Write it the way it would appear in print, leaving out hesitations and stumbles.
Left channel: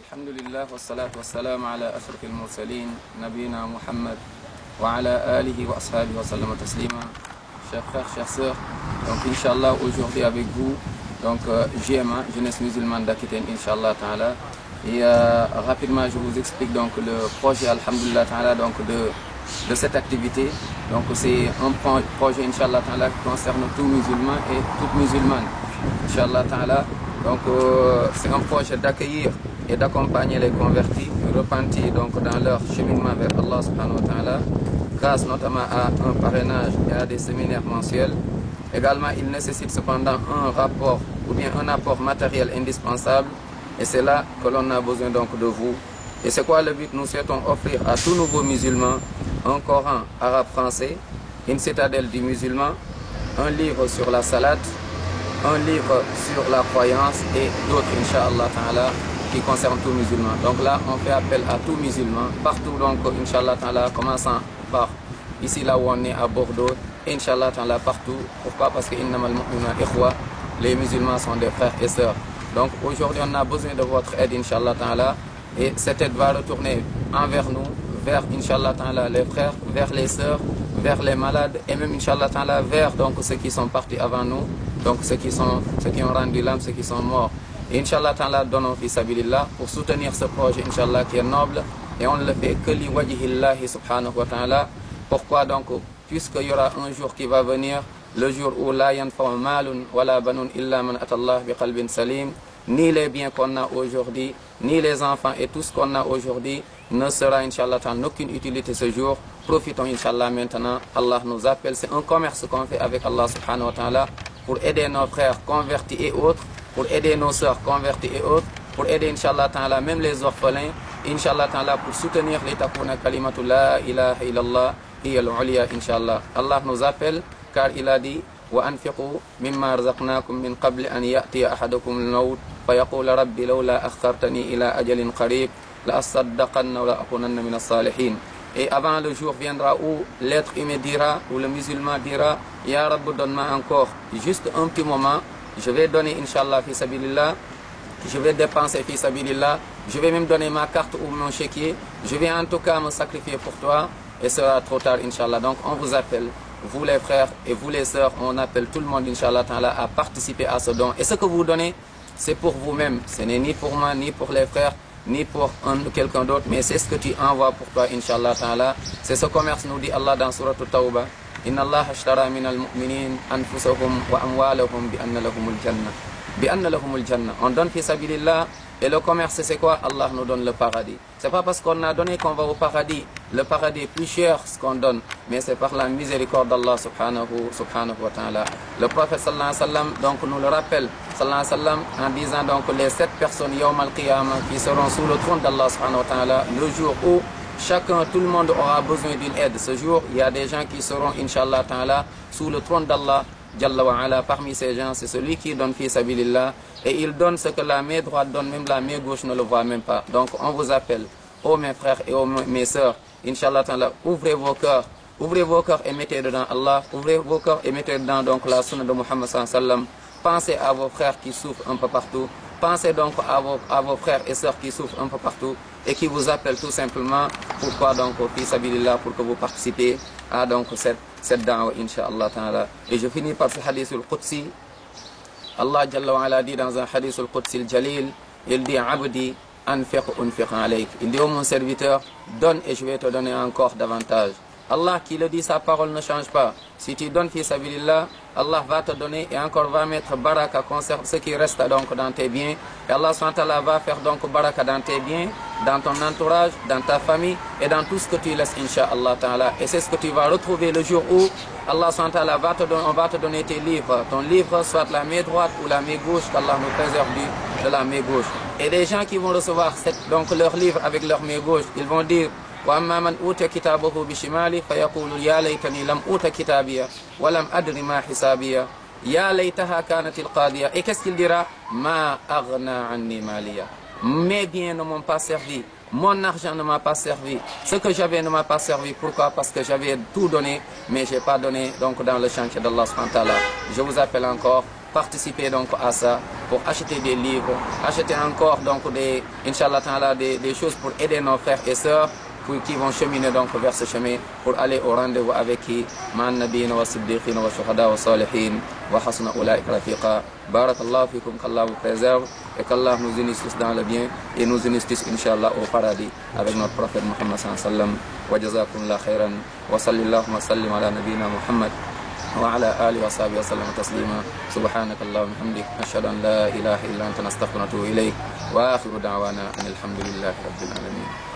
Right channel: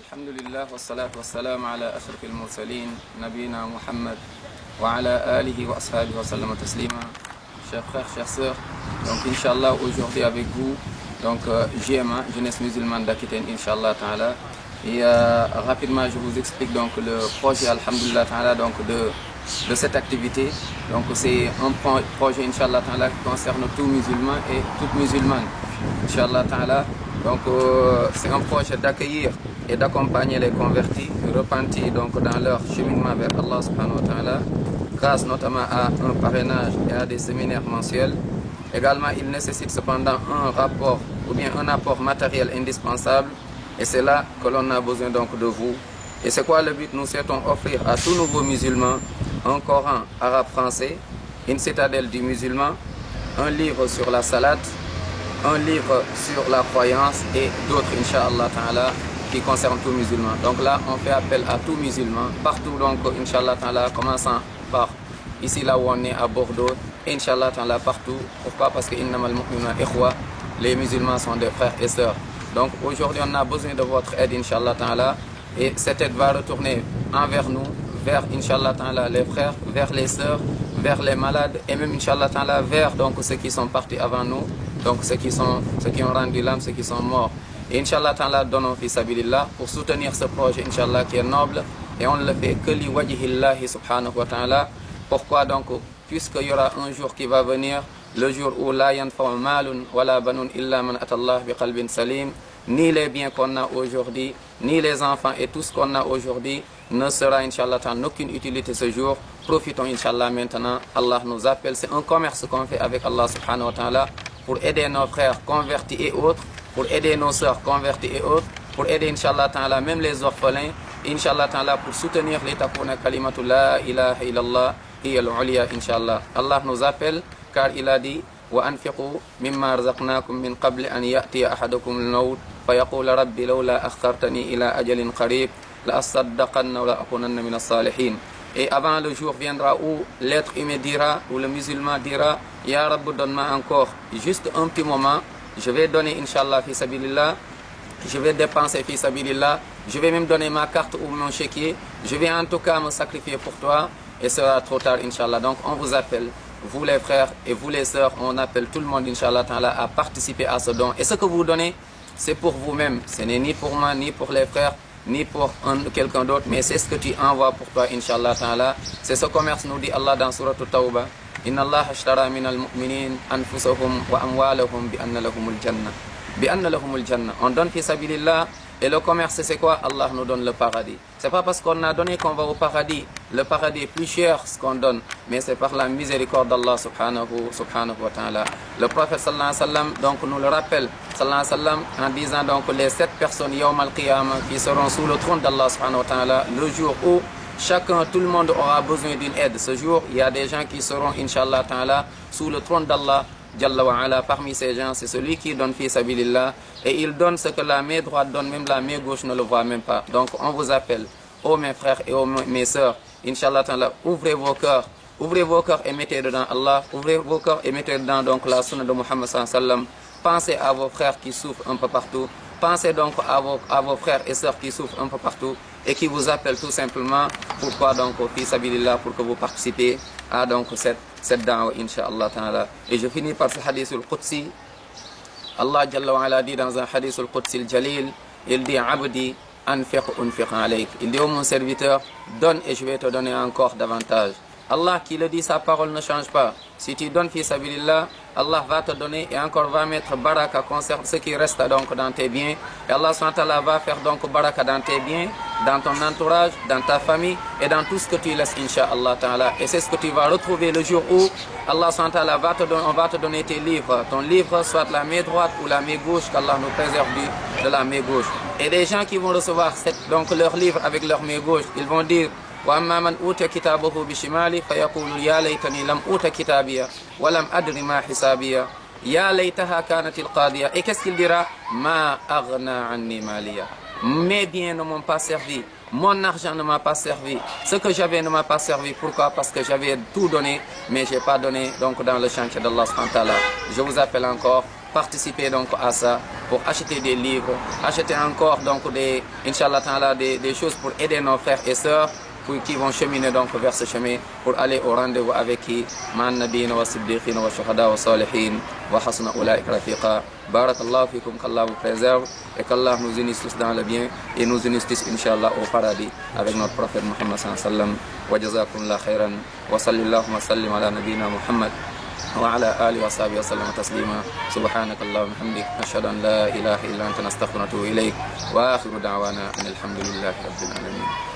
Alhamdulillah wa salatu wa salam ala ashrafil mursalin, nabina Muhammad wa ala alihi wa ashabihi wa sallam taslima. Chers frères, chères sœurs, donc Inch'Allah aujourd'hui avec vous, donc GMA, Jeunesse Musulmane d'Aquitaine, Inch'Allah Ta'ala. Et rapidement je vous explique donc le projet Alhamdulillah Ta'ala donc de cette activité. Donc c'est un projet Inch'Allah Ta'ala qui concerne tout musulman et toute musulmane. Inch'Allah Ta'ala. Donc c'est un projet d'accueillir et d'accompagner les convertis, repentis donc dans leur cheminement vers Allah subhanahu wa ta'ala, grâce notamment à un parrainage et à des séminaires mensuels. Également, il nécessite cependant un rapport ou bien un apport matériel indispensable, et c'est là que l'on a besoin donc de vous. Et c'est quoi le but? Nous souhaitons offrir à tout nouveau musulman un Coran arabe-français, une citadelle du musulman, un livre sur la salade, un livre sur la croyance et d'autres, Inch'Allah Ta'ala, qui concernent tout musulman. Donc là, on fait appel à tout musulman, partout donc, Inch'Allah Ta'ala, commençant par ici là où on est à Bordeaux, Inch'Allah Ta'ala partout. Pourquoi? Parce que innamal mu'minuna ikhwa, les musulmans sont des frères et sœurs. Donc aujourd'hui, on a besoin de votre aide, Inch'Allah Ta'ala, et cette aide va retourner envers nous, vers, Inch'Allah Ta'ala, les frères, vers les sœurs, vers les malades, et même, Inch'Allah Ta'ala, vers donc ceux qui sont partis avant nous, donc ceux qui ont rendu l'âme, ceux qui sont morts. Et Inch'Allah Ta'ala, donnons fi sabilillah pour soutenir ce projet, Inch'Allah, qui est noble, et on ne le fait que li wajhillahi subhanahu wa ta'ala. Pourquoi donc? Puisqu'il y aura un jour qui va venir, le jour où la yanfa'u malun wala banun illa man atallah bi qalbin salim, ni les biens qu'on a aujourd'hui, ni les enfants et tout ce qu'on a aujourd'hui ne sera, Inch'Allah Ta'ala, aucune utilité ce jour. Profitons, Inch'Allah, maintenant. Allah nous appelle. C'est un commerce qu'on fait avec Allah subhanahu wa ta'ala pour aider nos frères convertis et autres, pour aider nos sœurs converties et autres, pour aider, Inch'Allah Ta'ala, même les orphelins, Inch'Allah Ta'ala, pour soutenir les takuna kalimatu la ilaha illallah hiya al-uliya, Inch'Allah. Allah nous appelle car il a dit wa anfiqu mimma razaqnakum min qabli an ya'tiya ahadakum al-maut fa yaqul rabbi lawla akhartani ila ajalin qarib la asaddaqanna wa la akunanna min as-salihin. Et avant le jour viendra où l'être humain dira, où le musulman dira, Ya Rabb, donne-moi encore juste un petit moment, je vais donner, Inch'Allah, fi sabilillah, je vais dépenser fi sabilillah, je vais même donner ma carte ou mon chéquier, je vais en tout cas me sacrifier pour toi, et ce sera trop tard, Inch'Allah. Donc on vous appelle, vous les frères et vous les sœurs, on appelle tout le monde, Inch'Allah, à participer à ce don. Et ce que vous donnez, c'est pour vous-même, ce n'est ni pour moi, ni pour les frères, ni pour quelqu'un d'autre, mais c'est ce que tu envoies pour toi, Inch'Allah Ta'ala. C'est ce commerce, nous dit Allah dans Surah At-Tawbah. Inna Allah ashtara minal mu'minin anfusahum wa amwalahum bi anna lahumul jannah. Bi anna lahumul jannah. On donne fi sabilillah. Et le commerce, c'est quoi? Allah nous donne le paradis. C'est pas parce qu'on a donné qu'on va au paradis. Le paradis est plus cher ce qu'on donne, mais c'est par la miséricorde d'Allah subhanahu wa ta'ala. Le prophète sallallahu alayhi wa sallam donc nous le rappelle, sallallahu alayhi wa sallam, en disant donc les 7 personnes yawm al-qiyamah qui seront sous le trône d'Allah subhanahu wa ta'ala, le jour où chacun, tout le monde aura besoin d'une aide. Ce jour, il y a des gens qui seront, Inch'Allah Ta'ala, sous le trône d'Allah. Jalla wa ala, parmi ces gens, c'est celui qui donne fi sabilillah, et il donne ce que la main droite donne, même la main gauche ne le voit même pas. Donc on vous appelle, ô mes frères et ô mes sœurs, Inch'Allah Ta'ala, ouvrez vos cœurs et mettez dedans Allah, ouvrez vos cœurs et mettez dedans donc la sunna de Muhammad sallallahu alayhi wa sallam. Pensez à vos frères qui souffrent un peu partout, pensez donc à vos frères et sœurs qui souffrent un peu partout et qui vous appellent tout simplement. Pourquoi donc fi sabilillah? Pour que vous participez à donc cette da'wa, Inch'Allah Ta'ala. Et je finis par ce hadith al-Qudsi. Allah Jalla wa ala dit dans un hadith al-Qudsi al-Jalil, il dit Abdi anfiq unfiq alayk. Il dit ô mon serviteur, donne et je vais te donner encore davantage. Allah qui le dit, sa parole ne change pas. Si tu donnes fi sabilillah, Allah va te donner et encore va mettre baraka concernant ce qui reste donc dans tes biens. Et Allah subhanahu wa ta'ala va faire donc baraka dans tes biens, dans ton entourage, dans ta famille et dans tout ce que tu laisses, Inch'Allah Ta'ala. Et c'est ce que tu vas retrouver le jour où Allah subhanahu wa ta'ala va te donner tes livres. Ton livre, soit la main droite ou la main gauche, qu'Allah nous préserve de la main gauche. Et les gens qui vont recevoir donc leur livre avec leur main gauche, ils vont dire وأما من أوتي كتابه بشماله فيقول يا ليتني لم أوت كتابيا ولم أدر ما حسابيا يا ليتها كانت القاضية. Et qu'est-ce qu'il dira? ما أغنى عني ماليا. Mes biens ne m'ont pas servi, mon argent ne m'a pas servi, ce que j'avais ne m'a pas servi. Pourquoi? Parce que j'avais tout donné, mais je n'ai pas donné donc dans le chantier d'Allah subhanahu wa ta'ala. Je vous appelle encore, participer donc à ça, pour acheter des livres, acheter encore donc des choses pour aider nos frères et sœurs qui vont cheminer donc vers ce chemin pour aller au rendez-vous avec qui ma'an nabiyyin wa siddiqin wa shuhada wa salihin wa hasuna ulaika rafiqa. Barakallahu fikum, qu'Allah vous préserve et qu'Allah nous unisse tous dans le bien et nous unisse tous Inch'Allah au paradis avec notre prophète Muhammad sallallahu alayhi wa sallam. Wa jazakumullah khairan wa sallallahu wa sallim ala nabiyyina Muhammad وعلى آله وصحبه وسلم تسليما. سبحانك اللهم وبحمدك نشهد أن لا إله إلا أنت نستغفرك ونتوب إليك وآخر دعوانا أن الحمد لله رب العالمين.